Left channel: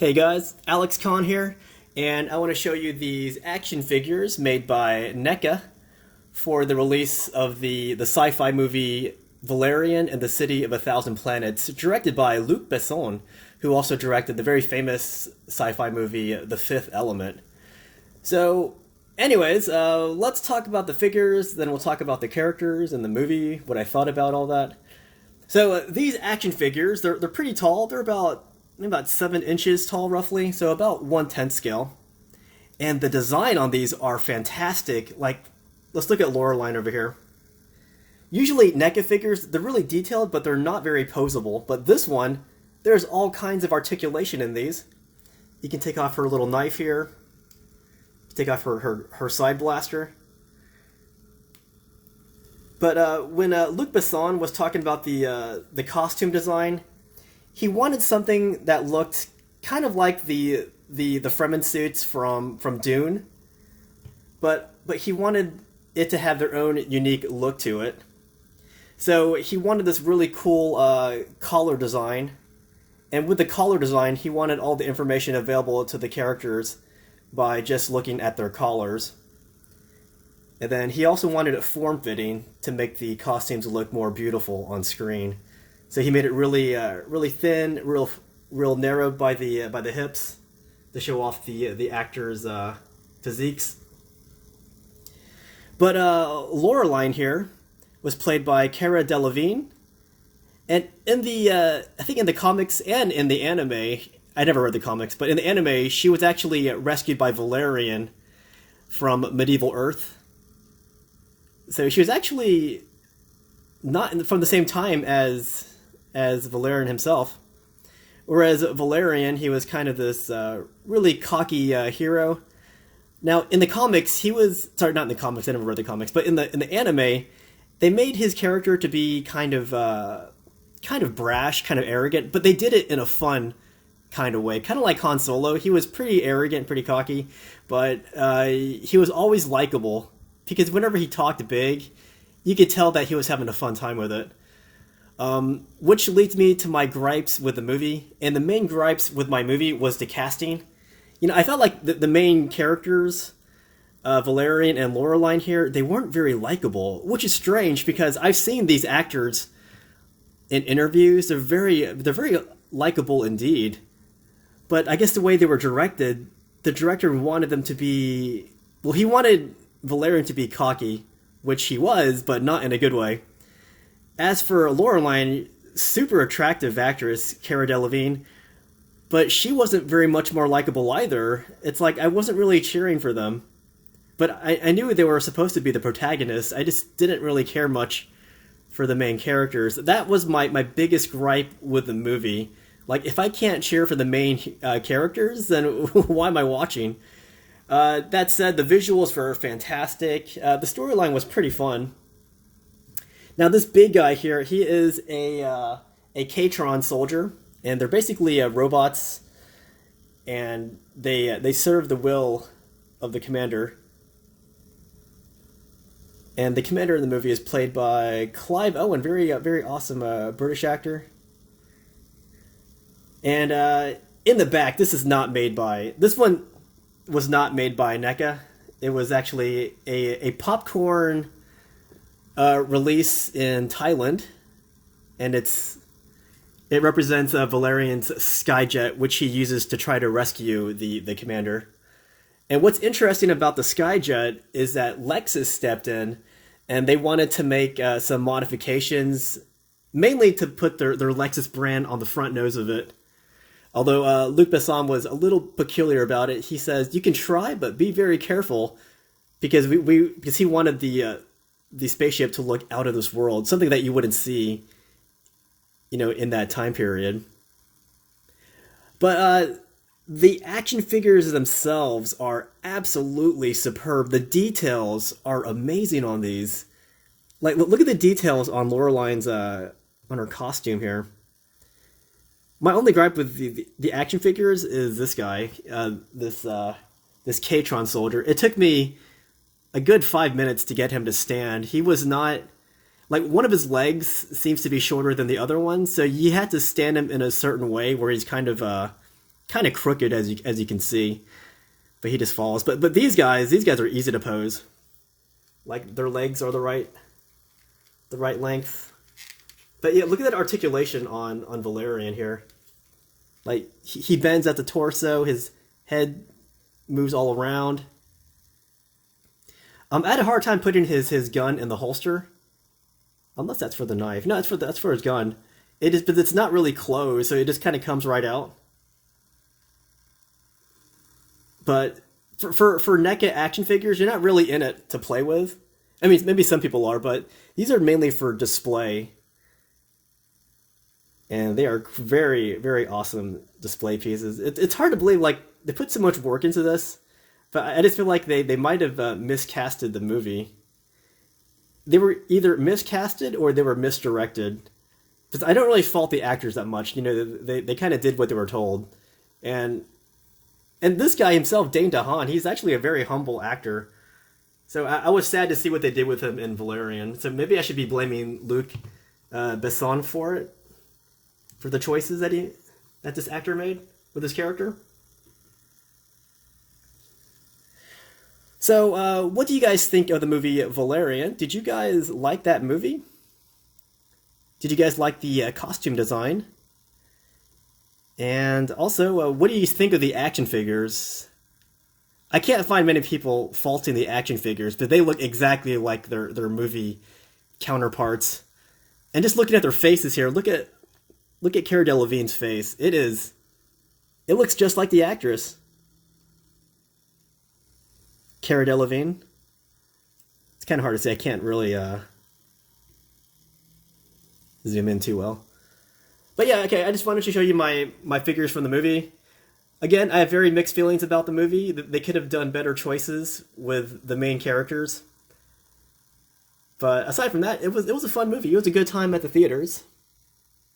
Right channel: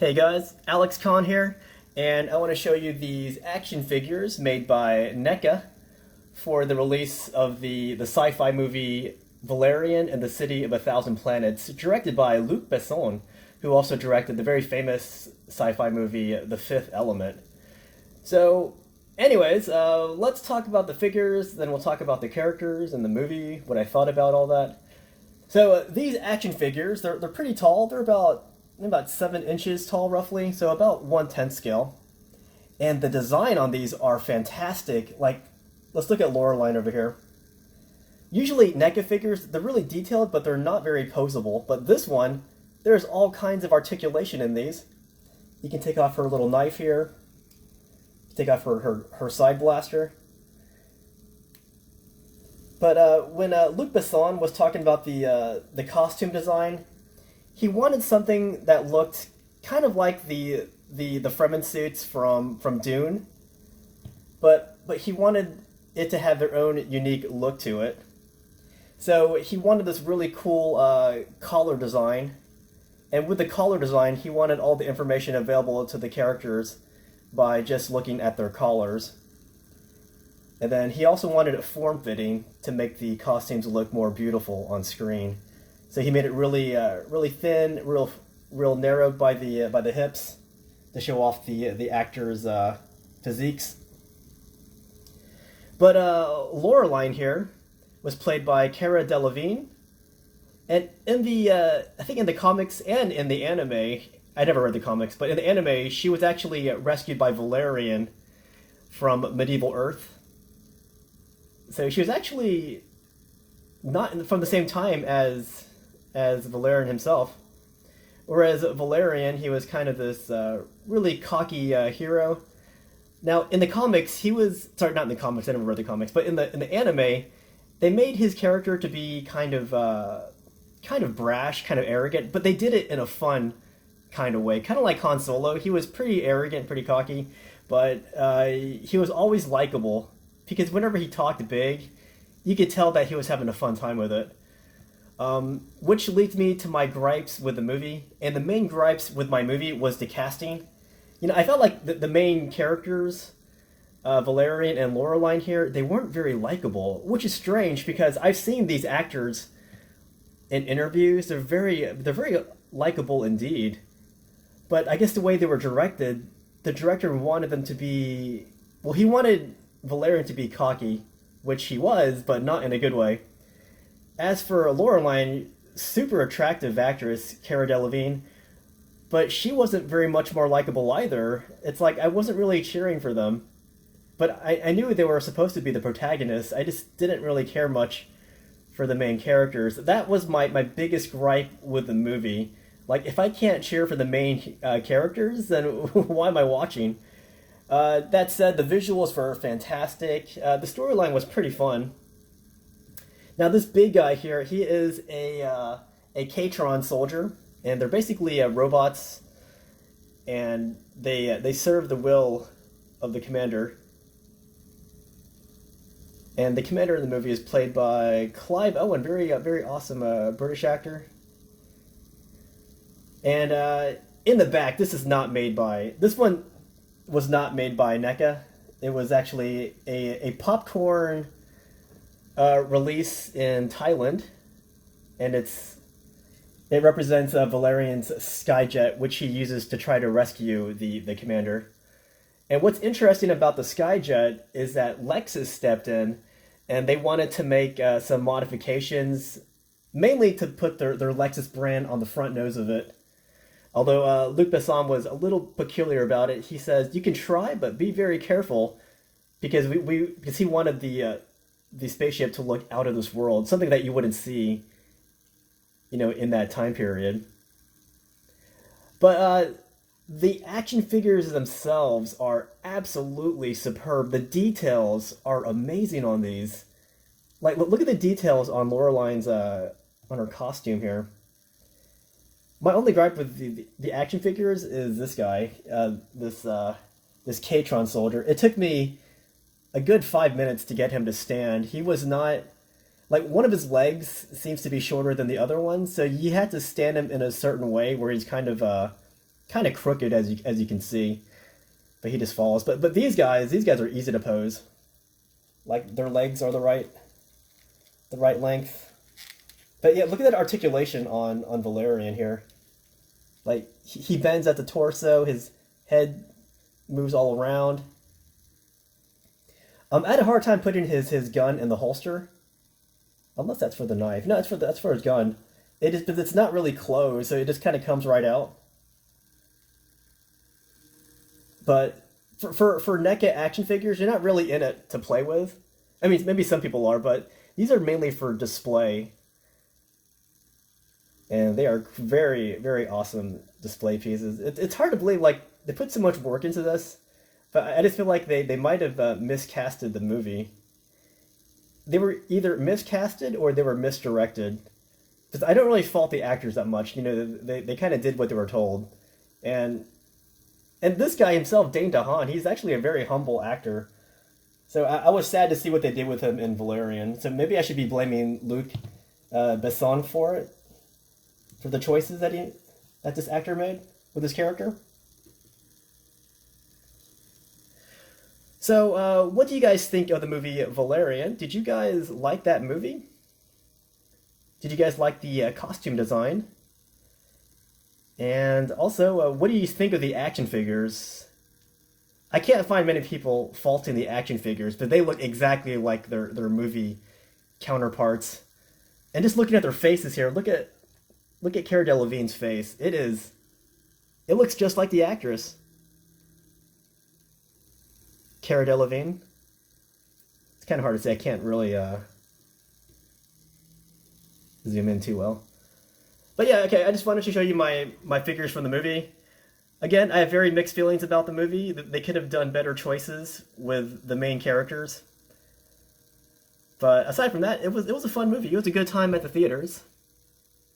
Hey guys, Alex Khan here, and I want to show you these action figures made by NECA for the release of the sci-fi movie Valerian and the City of a Thousand Planets, directed by Luc Besson, who also directed the very famous sci-fi movie The Fifth Element. So, anyways, let's talk about the figures, then we'll talk about the characters and the movie, what I thought about all that. So these action figures, they're pretty tall. They're about 7 inches tall, roughly. So about 1/10 scale. And the design on these are fantastic. Like, let's look at Loreline over here. Usually NECA figures, they're really detailed, but they're not very posable. But this one, there's all kinds of articulation in these. You can take off her little knife here. Take off her side blaster. But when Luc Besson was talking about the costume design, he wanted something that looked kind of like the Fremen suits from Dune, but he wanted it to have their own unique look to it. So he wanted this really cool collar design, and with the collar design, he wanted all the information available to the characters by just looking at their collars. And then he also wanted it form-fitting to make the costumes look more beautiful on screen. So he made it really thin, real narrow by the hips to show off the actors' physiques. But Loreline here was played by Delevingne, and in the I think in the comics and in the anime, I never read the comics, but in the anime, she was actually rescued by Valerian from medieval Earth. So she was actually not from the same time as Valerian himself. Whereas Valerian, he was kind of this really cocky hero. Now, in the comics, he was sorry, not in the comics. I never read the comics, but in the anime, they made his character to be kind of brash, kind of arrogant, but they did it in a fun kind of way, kind of like Han Solo. He was pretty arrogant, pretty cocky, but he was always likable. Because whenever he talked big, you could tell that he was having a fun time with it. Which leads me to my gripes with the movie. And the main gripes with my movie was the casting. You know, I felt like the main characters, Valerian and Loreline here, they weren't very likable. Which is strange because I've seen these actors in interviews. They're very likable indeed. But I guess the way they were directed, the director wanted them to be... Well, he wanted Valerian to be cocky, which he was, but not in a good way. As for Loreline, super attractive actress, Delevingne, but she wasn't very much more likable either. It's like I wasn't really cheering for them. But I knew they were supposed to be the protagonists. I just didn't really care much for the main characters. That was my biggest gripe with the movie. Like, if I can't cheer for the main characters, then why am I watching? That said, the visuals were fantastic. The storyline was pretty fun. Now, this big guy here, he is a Katron soldier, and they're basically robots, and they serve the will of the commander. And the commander in the movie is played by Clive Owen, very awesome British actor. And in the back, this one was not made by NECA. It was actually a popcorn release in Thailand, and it represents Valerian's skyjet, which he uses to try to rescue the commander. And what's interesting about the skyjet is that Lexus stepped in, and they wanted to make some modifications, mainly to put their Lexus brand on the front nose of it. Although Luc Besson was a little peculiar about it, he says you can try, but be very careful, because because he wanted the spaceship to look out of this world, something that you wouldn't see, in that time period. But the action figures themselves are absolutely superb. The details are amazing on these. Like, look at the details on Loreline's on her costume here. My only gripe with the action figures is this guy, this Katron soldier. It took me a good 5 minutes to get him to stand. He was not... Like, one of his legs seems to be shorter than the other one, so you had to stand him in a certain way where he's kind of kind of crooked as you can see, but he just falls. But these guys are easy to pose. Like their legs are the right length. But yeah, look at that articulation on Valerian here. Like he bends at the torso, his head moves all around. I had a hard time putting his gun in the holster. Unless that's for the knife. No, that's for his gun. It is, but it's not really closed, so it just kind of comes right out. But for NECA action figures, you're not really in it to play with. I mean, maybe some people are, but these are mainly for display. And they are very, very awesome display pieces. It's hard to believe, like, they put so much work into this, but I just feel like they might have miscasted the movie. They were either miscasted or they were misdirected. Because I don't really fault the actors that much. You know, they kind of did what they were told. And this guy himself, Dane DeHaan, he's actually a very humble actor. So I was sad to see what they did with him in Valerian. So maybe I should be blaming Luc Besson for it. For the choices that this actor made with his character. So, what do you guys think of the movie Valerian? Did you guys like that movie? Did you guys like the costume design? And also, what do you think of the action figures? I can't find many people faulting the action figures, but they look exactly like their movie counterparts. And just looking at their faces here, look at Cara Delevingne's face. It looks just like the actress. Cara Delevingne. It's kind of hard to say. I can't really zoom in too well. But yeah, okay, I just wanted to show you my figures from the movie. Again, I have very mixed feelings about the movie. They could have done better choices with the main characters. But aside from that, it was a fun movie. It was a good time at the theaters.